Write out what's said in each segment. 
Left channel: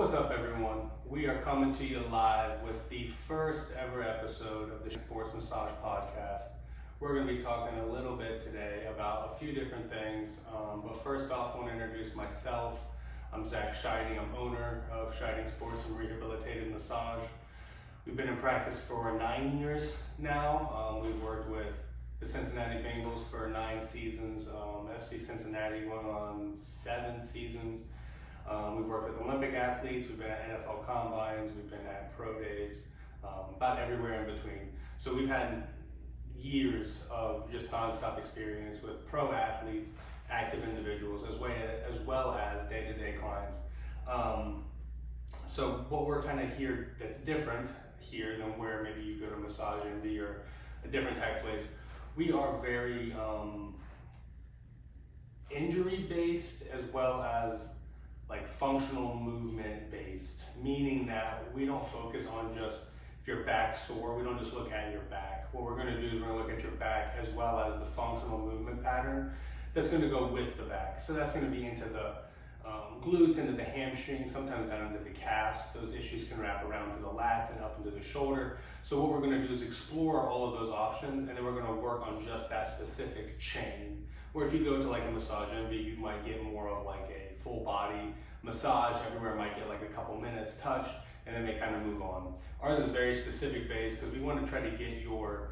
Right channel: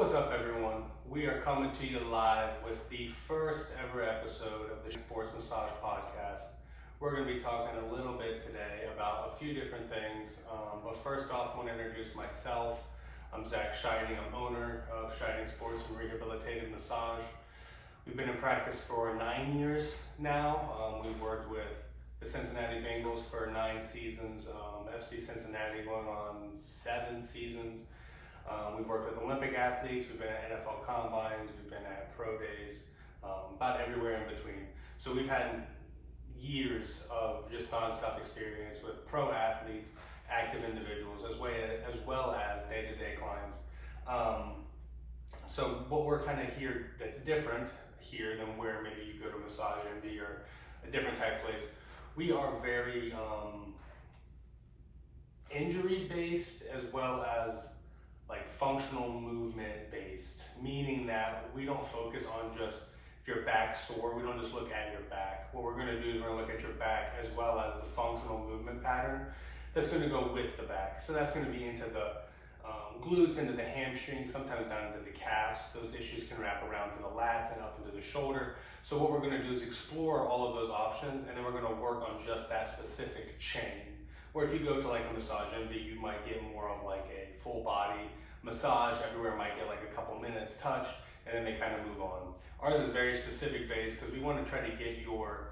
What's up, everyone? We are coming to you live with the first ever episode of the Sports Massage Podcast. We're going to be talking a little bit today about a few different things, but first off, I want to introduce myself. I'm Zach Scheiding. I'm owner of Scheiding Sports and Rehabilitative Massage. We've been in practice for 9 years now. We've worked with the Cincinnati Bengals for 9 seasons, FC Cincinnati going on 7 seasons. We've worked with Olympic athletes, we've been at NFL combines, we've been at pro days, about everywhere in between. So we've had years of just nonstop experience with pro athletes, active individuals, as well as day-to-day clients. So what we're kind of here that's different here than where maybe you go to Massage MD or a different type place, we are very injury-based as well as like functional movement based, meaning that we don't focus on just if your back's sore, we don't just look at your back. What we're gonna do is we're gonna look at your back as well as the functional movement pattern that's gonna go with the back. So that's gonna be into the glutes, into the hamstrings, sometimes down into the calves. Those issues can wrap around to the lats and up into the shoulder. So what we're gonna do is explore all of those options, and then we're gonna work on just that specific chain. Where if you go to like a Massage Envy, you might get more of like a full body massage. Everywhere might get like a couple minutes touched, and then they kind of move on. Ours is very specific based because we want to try to get your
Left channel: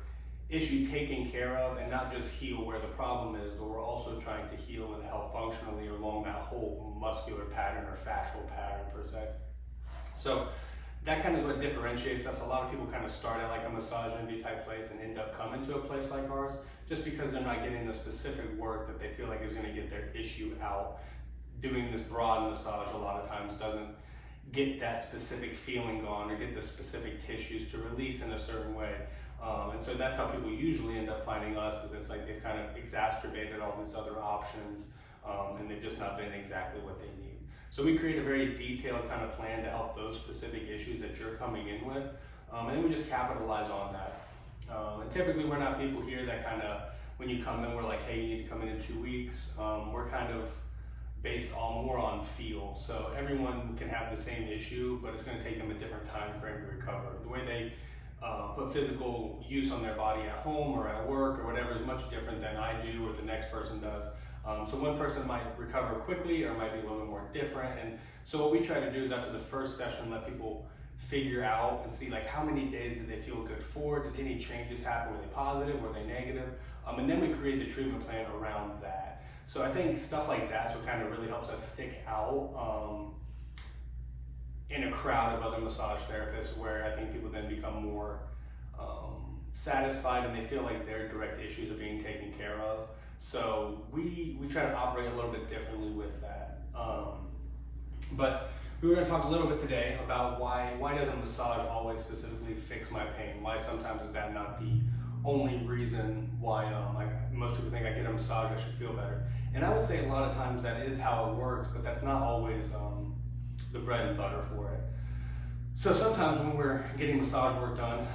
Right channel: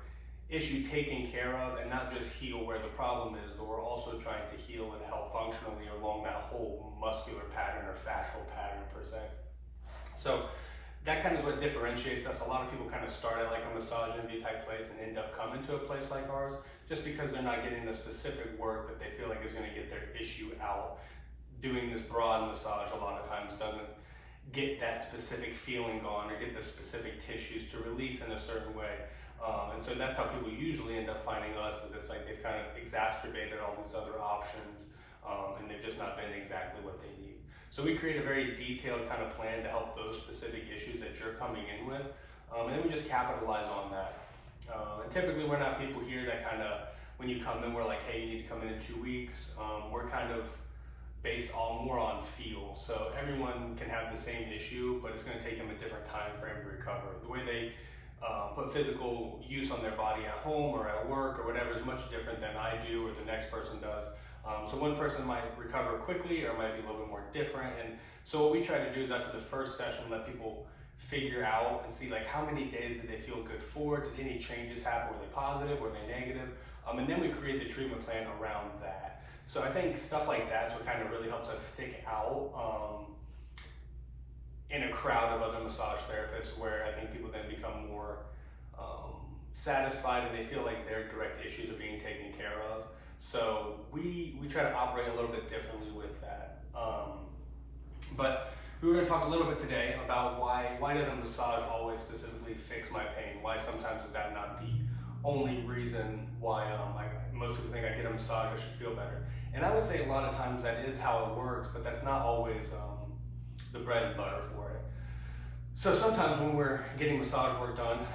issue taken care of and not just heal where the problem is, but we're also trying to heal and help functionally along that whole muscular pattern or fascial pattern per se. So that kind of is what differentiates us. A lot of people kind of start at like a Massage Envy type place and end up coming to a place like ours just because they're not getting the specific work that they feel like is going to get their issue out. Doing this broad massage a lot of times doesn't get that specific feeling gone or get the specific tissues to release in a certain way. And so that's how people usually end up finding us, is it's like they've kind of exacerbated all these other options and they've just not been exactly what they need. So we create a very detailed kind of plan to help those specific issues that you're coming in with, and then we just capitalize on that. And typically we're not people here that kind of, when you come in, we're like, hey, you need to come in 2 weeks. We're kind of based more on feel. So everyone can have the same issue, but it's going to take them a different time frame to recover. The way they put physical use on their body at home or at work or whatever is much different than I do or the next person does. So one person might recover quickly or might be a little bit more different. And so what we try to do is after the first session, let people figure out and see like how many days did they feel good for? Did any changes happen? Were they positive? Were they negative? And then we create the treatment plan around that. So I think stuff like that's what kind of really helps us stick out in a crowd of other massage therapists, where I think people then become more satisfied and they feel like their direct issues are being taken care of. So we try to operate a little bit differently with that. But we were going to talk a little bit today about why doesn't massage always specifically fix my pain? Why sometimes is that not the only reason why most people think I get a massage, I should feel better. And I would say a lot of times that is how it works, but that's not always the bread and butter for it. So sometimes when we're getting massage work done,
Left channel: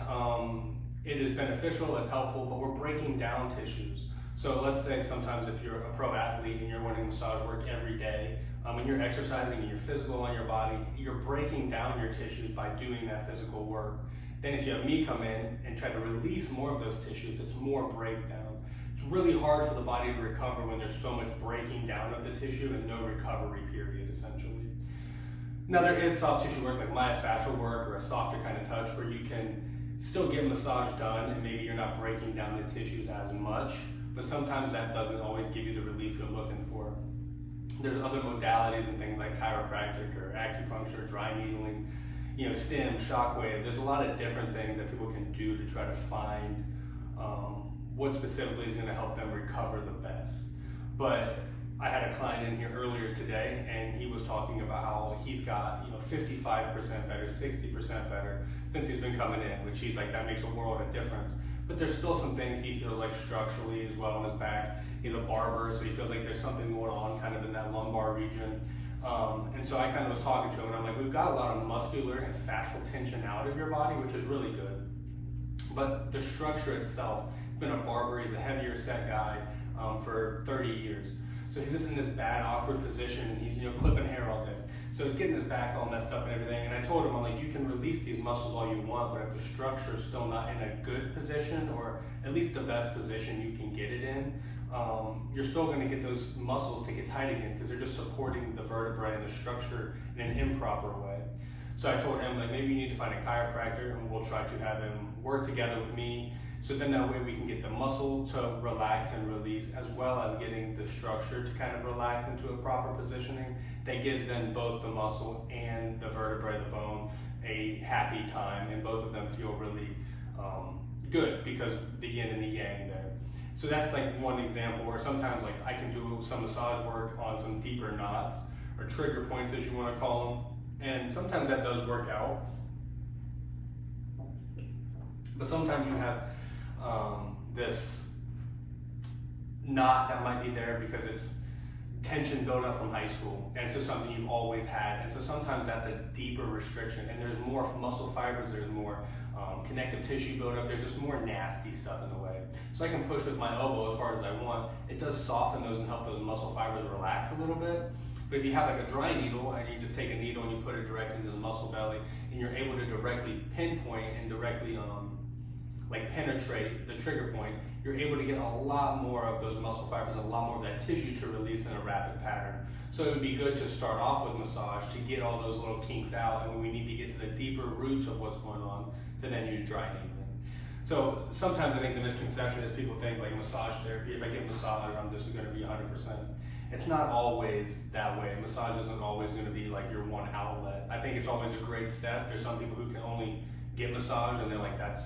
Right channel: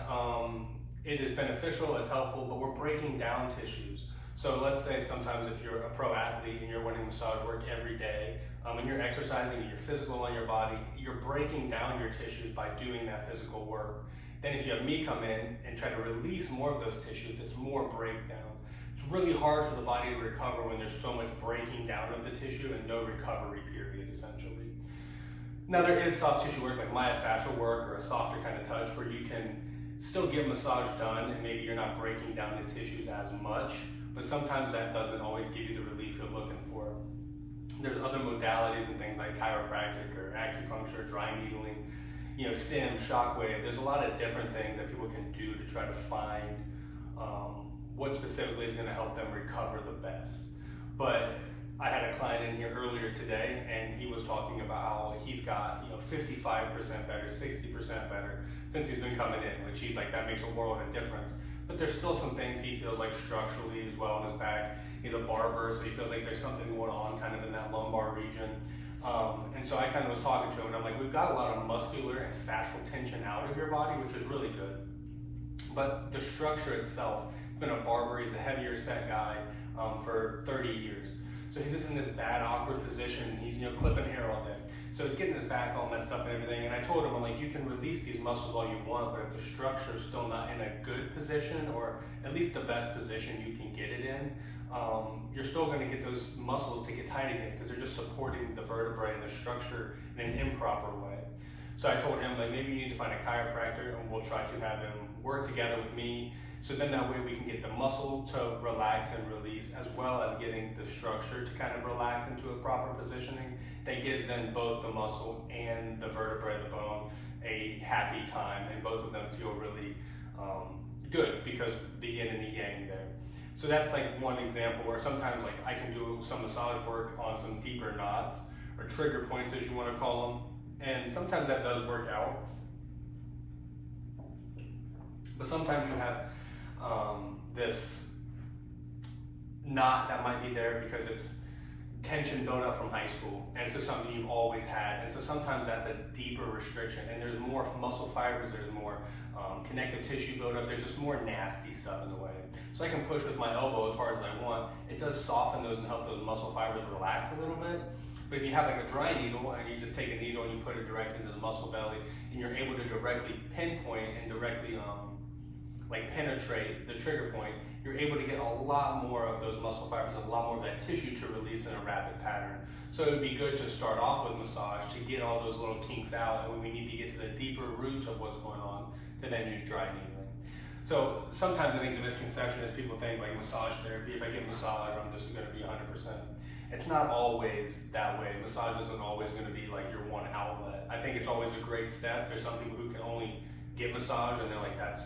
it is beneficial, it's helpful, but we're breaking down tissues. So let's say sometimes if you're a pro athlete and you're wanting massage work every day, and you're exercising and you're physical on your body, you're breaking down your tissues by doing that physical work. Then if you have me come in and try to release more of those tissues, it's more breakdown. It's really hard for the body to recover when there's so much breaking down of the tissue and no recovery period, essentially. Now there is soft tissue work like myofascial work or a softer kind of touch where you can still get massage done and maybe you're not breaking down the tissues as much, but sometimes that doesn't always give you the relief you're looking for. There's other modalities and things like chiropractic or acupuncture, dry needling, stim, shockwave. There's a lot of different things that people can do to try to find what specifically is going to help them recover the best. But I had a client in here earlier today and he was talking about how he's got 55% better, 60% better since he's been coming in, which he's like, that makes a world of difference. But there's still some things he feels like structurally as well in his back. He's a barber, so he feels like there's something going on kind of in that lumbar region. And so I kind of was talking to him and I'm like, we've got a lot of muscular and fascial tension out of your body, which is really good. But the structure itself, he's been a barber, he's a heavier set guy for 30 years. So he's just in this bad, awkward position. He's clipping hair all day. So he's getting his back all messed up and everything. And I told him, I'm like, you can release these muscles all you want, but if the structure's still not in a good position, or at least the best position you can get it in, you're still going to get those muscles to get tight again because they're just supporting the vertebrae and the structure in an improper way. So I told him, like, maybe you need to find a chiropractor and we'll try to have him work together with me. So then that way we can get the muscle to relax and release, as well as getting the structure to kind of relax into a proper positioning that gives then both the muscle and the vertebrae, the bone, a happy time, and both of them feel really good because the yin and the yang there. So that's like one example where sometimes like I can do some massage work on some deeper knots or trigger points, as you want to call them. And sometimes that does work out. But sometimes you have this knot that might be there because it's tension built up from high school, and it's just something you've always had. And so sometimes that's a deeper restriction, and there's more muscle fibers, there's more connective tissue buildup, there's just more nasty stuff in the way. So I can push with my elbow as far as I want. It does soften those and help those muscle fibers relax a little bit. But if you have like a dry needle and you just take a needle and you put it directly into the muscle belly, and you're able to directly pinpoint and directly like penetrate the trigger point, you're able to get a lot more of those muscle fibers, a lot more of that tissue to release in a rapid pattern. So it would be good to start off with massage to get all those little kinks out, and when we need to get to the deeper roots of what's going on, to then use dry needling. So sometimes I think the misconception is people think like massage therapy, if I get massage, I'm just going to be 100%. It's not always that way. Massage isn't always going to be like your one outlet. I think it's always a great step. There's some people who can only get massage and they're like, that's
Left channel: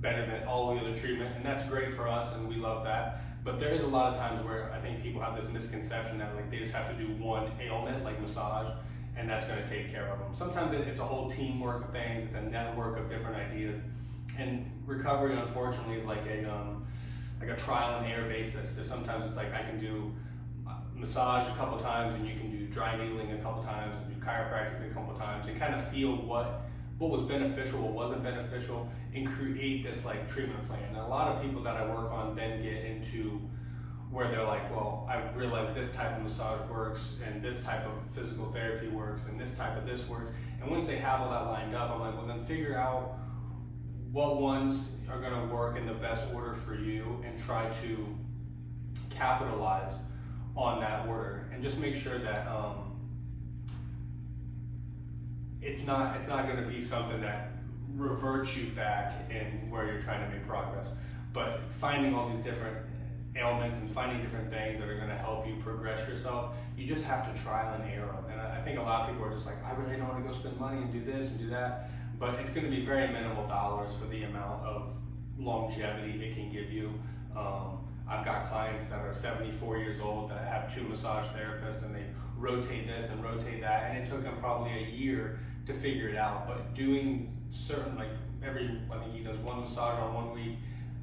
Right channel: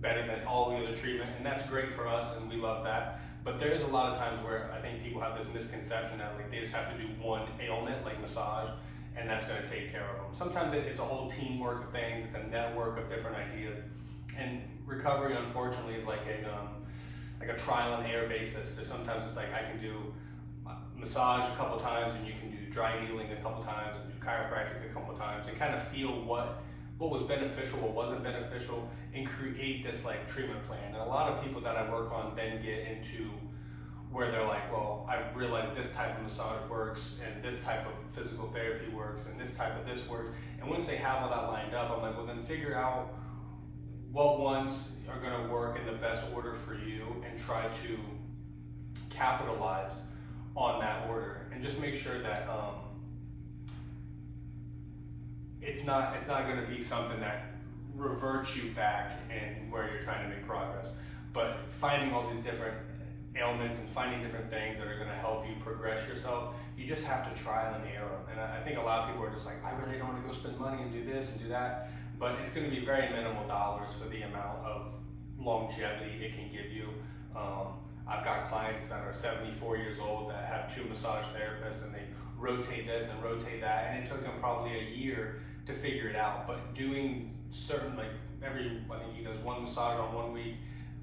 better than all the other treatment, and that's great for us and we love that. But there is a lot of times where I think people have this misconception that like they just have to do one ailment like massage and that's going to take care of them. Sometimes it's a whole teamwork of things, it's a network of different ideas, and recovery unfortunately is like a trial and error basis. So sometimes it's like I can do massage a couple times and you can do dry needling a couple times and do chiropractic a couple times and kind of feel what was beneficial, what wasn't beneficial, and create this like treatment plan. And a lot of people that I work on then get into where they're like, well, I've realized this type of massage works and this type of physical therapy works and this type of this works. And once they have all that lined up, I'm like, well, then figure out what ones are going to work in the best order for you and try to capitalize on that order, and just make sure that it's not going to be something that reverts you back in where you're trying to make progress. But finding all these different ailments and finding different things that are going to help you progress yourself, you just have to trial and error. And I think a lot of people are just like, I really don't want to go spend money and do this and do that. But it's going to be very minimal dollars for the amount of longevity it can give you. I've got clients that are 74 years old that have 2 massage therapists, and they rotate this and rotate that, and it took them probably a year to figure it out. But doing certain, like I think he does one massage on one week,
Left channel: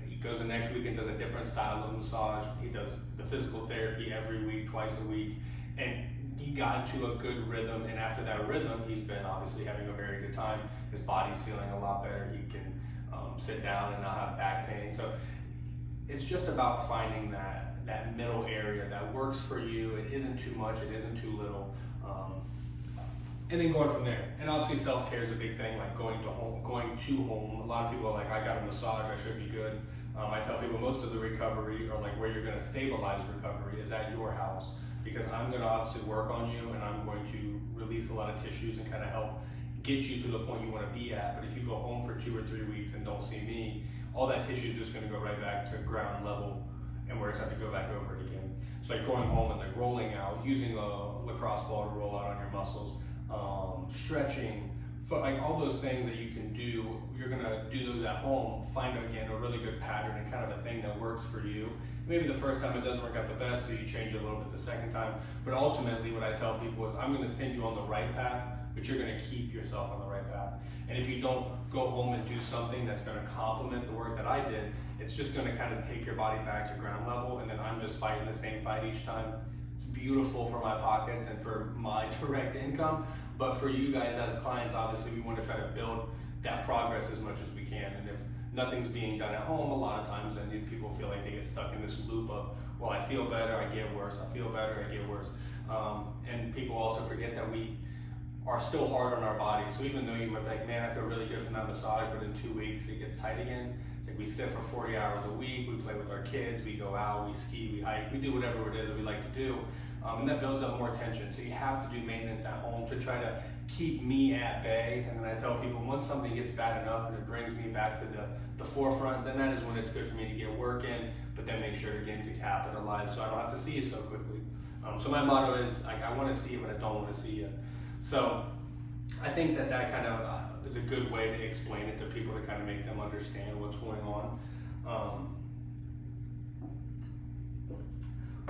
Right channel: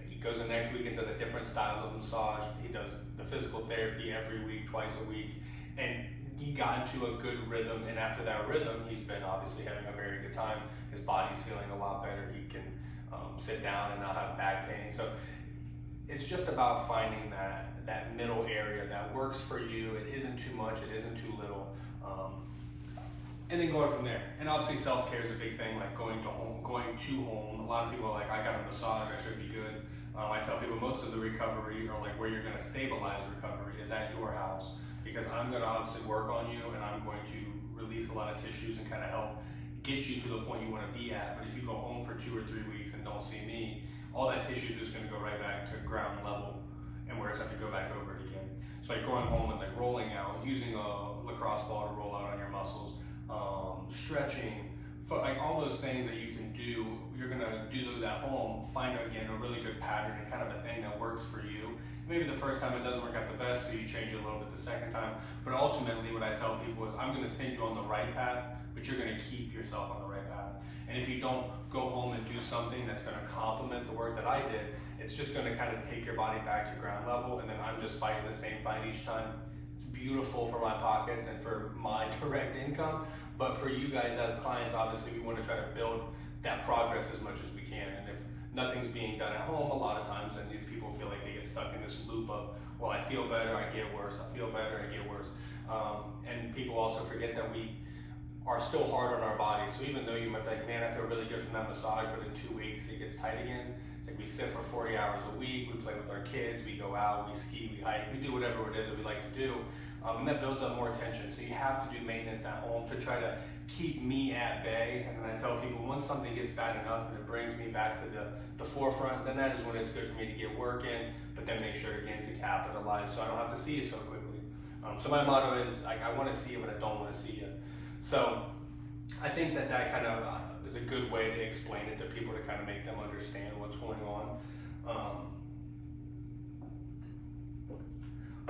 he goes the next week and does a different style of massage, he does the physical therapy every week, twice a week, and he got into a good rhythm, and after that rhythm, he's been obviously having a very good time. His body's feeling a lot better, he can sit down and not have back pain. So it's just about finding that middle area that works for you. It isn't too much, it isn't too little, and then going from there. And obviously self-care is a big thing, like going to home. A lot of people are like, I got a massage, I should be good. I tell people most of the recovery, or like where you're going to stabilize recovery, is at your house, because I'm going to obviously work on you and I'm going to release a lot of tissues and kind of help get you to the point you want to be at. But if you go home for 2 or 3 weeks and don't see me, all that tissue is just going to go right back to ground level, and where it's have to go back over it again. So like going home and like rolling out, using a lacrosse ball to roll out on your muscles, stretching, like all those things that you can do, you're going to do those at home. Find again a really good pattern and kind of a thing that works for you. Maybe the first time it doesn't work out the best, so you change it a little bit the second time. But ultimately what I tell people is I'm going to send you on the right path, but you're going to keep yourself on the right path. And if you don't go home and do something that's going to complement the work that I did, it's just going to kind of take your body back to ground level, and then I'm just fighting the same fight each time. It's beautiful for my pockets and for my direct income, but for you guys as clients, obviously we want to try to build that progress as much as we can. And if nothing's being done at home, a lot of times, and these people feel like they get stuck in this loop of, well, I feel better, I get worse, I feel better, I get worse. And people also forget that we are still hard on our bodies. So even though you might be like, man, I feel really good from that massage, but in 2 weeks it gets tight again. It's like we sit for 40 hours a week, we play with our kids, we go out, we ski, we hike, we do whatever it is that we like to do. And that builds up more tension. So you have to do maintenance at home to try to keep me at bay. And then I tell people, once something gets bad enough and it brings me back to the forefront, then that is when it's good for me to get work in, but then make sure again to capitalize so I don't have to see you so quickly. So my motto is, like, I want to see you, but I don't want to see you. So I think that kind of is a good way to explain it to people, to kind of make them understand what's going on.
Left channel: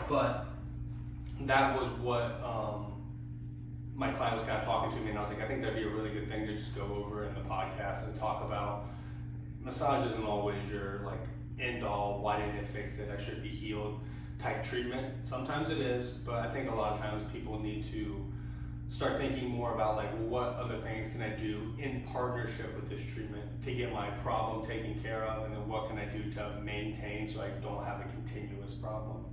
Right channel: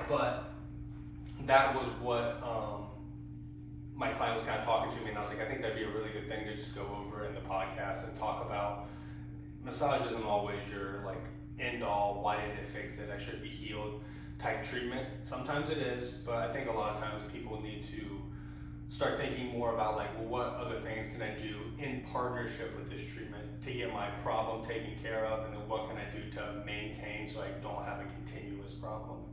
But that was what my client was kind of talking to me, and I was like, I think that'd be a really good thing to just go over in the podcast and talk about. Massage isn't always your like end all, why didn't it fix it, I should be healed type treatment. Sometimes it is, but I think a lot of times people need to start thinking more about like, well, what other things can I do in partnership with this treatment to get my problem taken care of, and then what can I do to maintain so I don't have a continuous problem.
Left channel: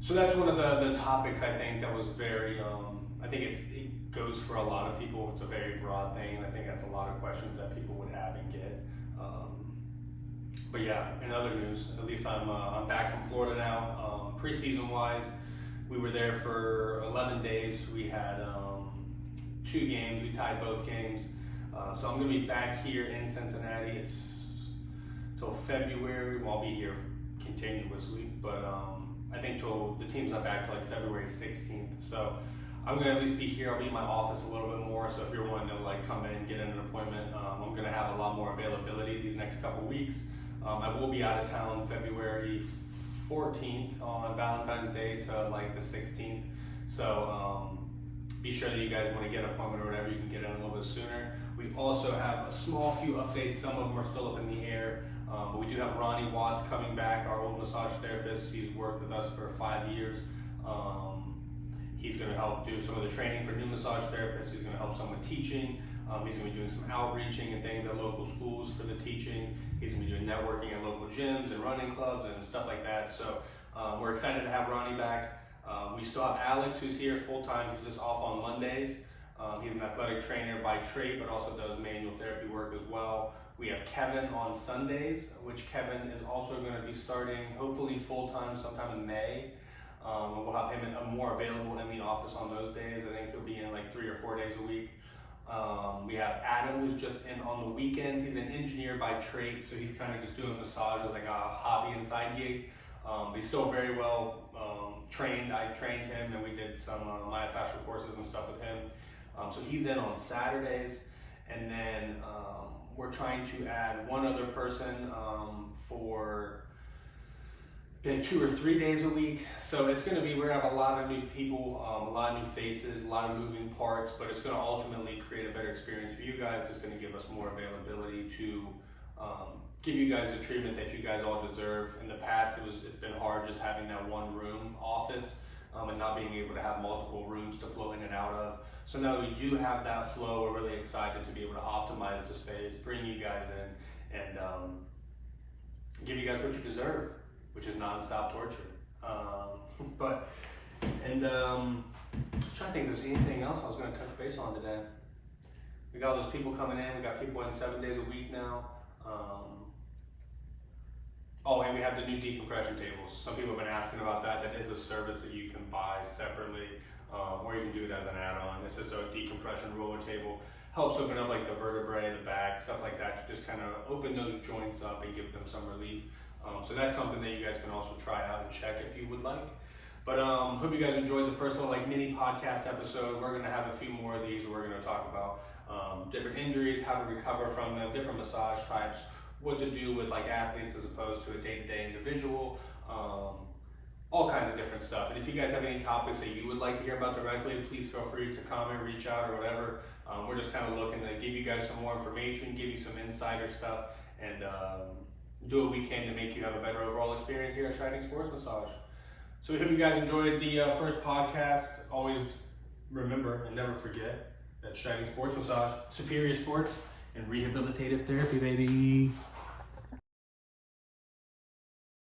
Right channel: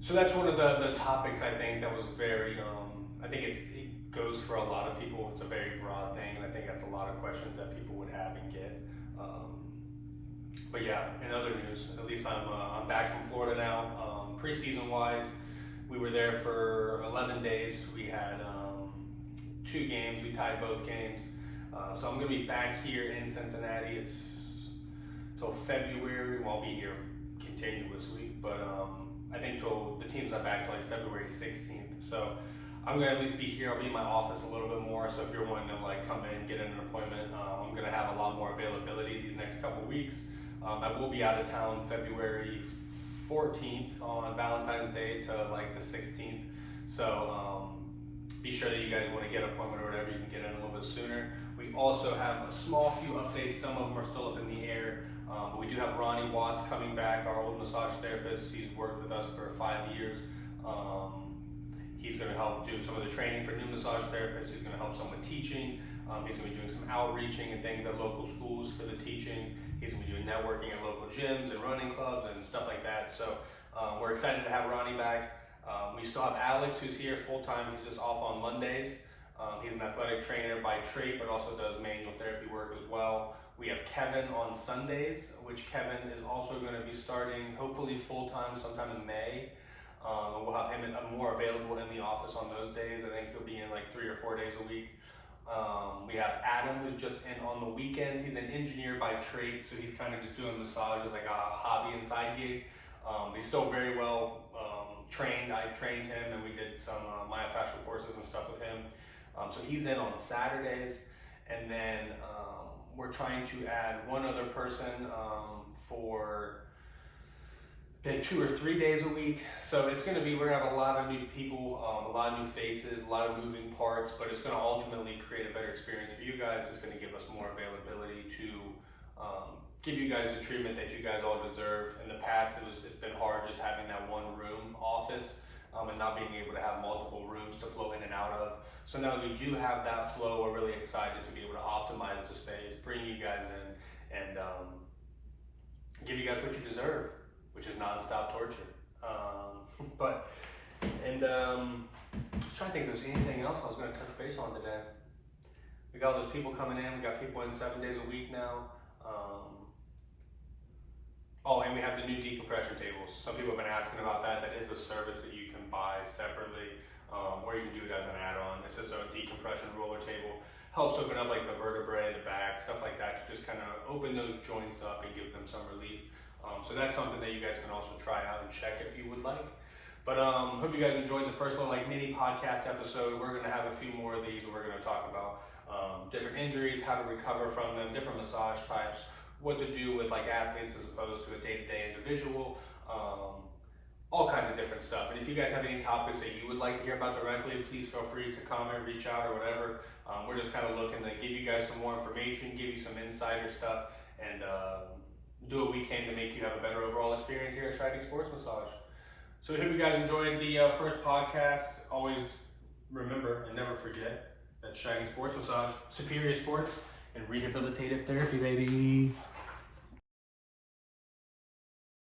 So that's one of the topics I think that was very, I think it goes for a lot of people. It's a very broad thing, and I think that's a lot of questions that people would have and get. But yeah, in other news, at least I'm back from Florida now. Preseason wise, we were there for 11 days. We had 2 games. We tied both games. So I'm going to be back here in Cincinnati. It's till February. Well, I'll be here continuously, but I think till the team's not back till like February 16th. So I'm going to at least be here. I'll be in my office a little bit more. So if you're wanting to like come in, get in an appointment, I'm going to have a lot more availability these next couple weeks. I will be out of town February 14th on Valentine's Day to like the 16th. So be sure that you guys want to get an appointment or whatever, you can get in a little bit sooner. We also have a small few updates. Some of them are still up in the air. But we do have Ronnie Watts coming back, our old massage therapist. He's worked with us for 5 years. He's going to help do some of the training for new massage therapists. He's going to help some with teaching. He's going to be doing some outreaching and things at local schools for the teaching. He's going to be doing networking at local gyms and running clubs and stuff like that. So we're excited to have Ronnie back. We still have Alex, who's here full time. He's just off on Mondays. He's an athletic trainer by trade, but also does manual therapy work as well. We have Kevin on Sundays, which Kevin is also going to be starting hopefully full time sometime in May. We'll have him more available in the office on those days. I think he'll be in like 3 or 4 days a week. We have Adam, who's just in on the weekends. He's an engineer by trade, so he's kind of just doing massage as like a hobby and side gig. He's still very well trained. I trained him, and we did some myofascial courses and stuff with him. So he's in on Saturdays, and then we're trying to add one other person for 2 or 3 days a week. So it's going to be, we're going to have a lot of new people, a lot of new faces, a lot of moving parts, but it's going to ultimately create a better experience for you guys. It's going to give us more availability to give you guys the treatment that you guys all deserve. In the past, it's been hard just having that one room office and not being able to have multiple rooms to flow in and out of. So now that we do have that flow, we're really excited to be able to optimize the space, bring you guys in, and give you guys what you deserve, which is nonstop torture. I'm trying to think if there's anything else I was going to touch base on today. We got all those people coming in. We got people in 7 days a week now. And we have the new decompression tables. Some people have been asking about that. That is a service that you can buy separately, or you can do it as an add-on. It's just a decompression roller table. Helps open up like the vertebrae, the back, stuff like that, to just kind of open those joints up and give them some relief. So that's something that you guys can also try out and check if you would like. But hope you guys enjoyed the first little like mini podcast episode. We're gonna have a few more of these where we're gonna talk about different injuries, how to recover from them, different massage types, what to do with like athletes as opposed to a day-to-day individual, all kinds of different stuff. And if you guys have any topics that you would like to hear about directly, please feel free to comment, reach out, or whatever. We're just kind of looking to give you guys some more information, give you some insider stuff, and do what we can to make you have a better overall experience here at Shining Sports Massage. So we hope you guys enjoyed the first podcast. Always remember and never forget that Shining Sports Massage, superior sports and rehabilitative therapy, baby.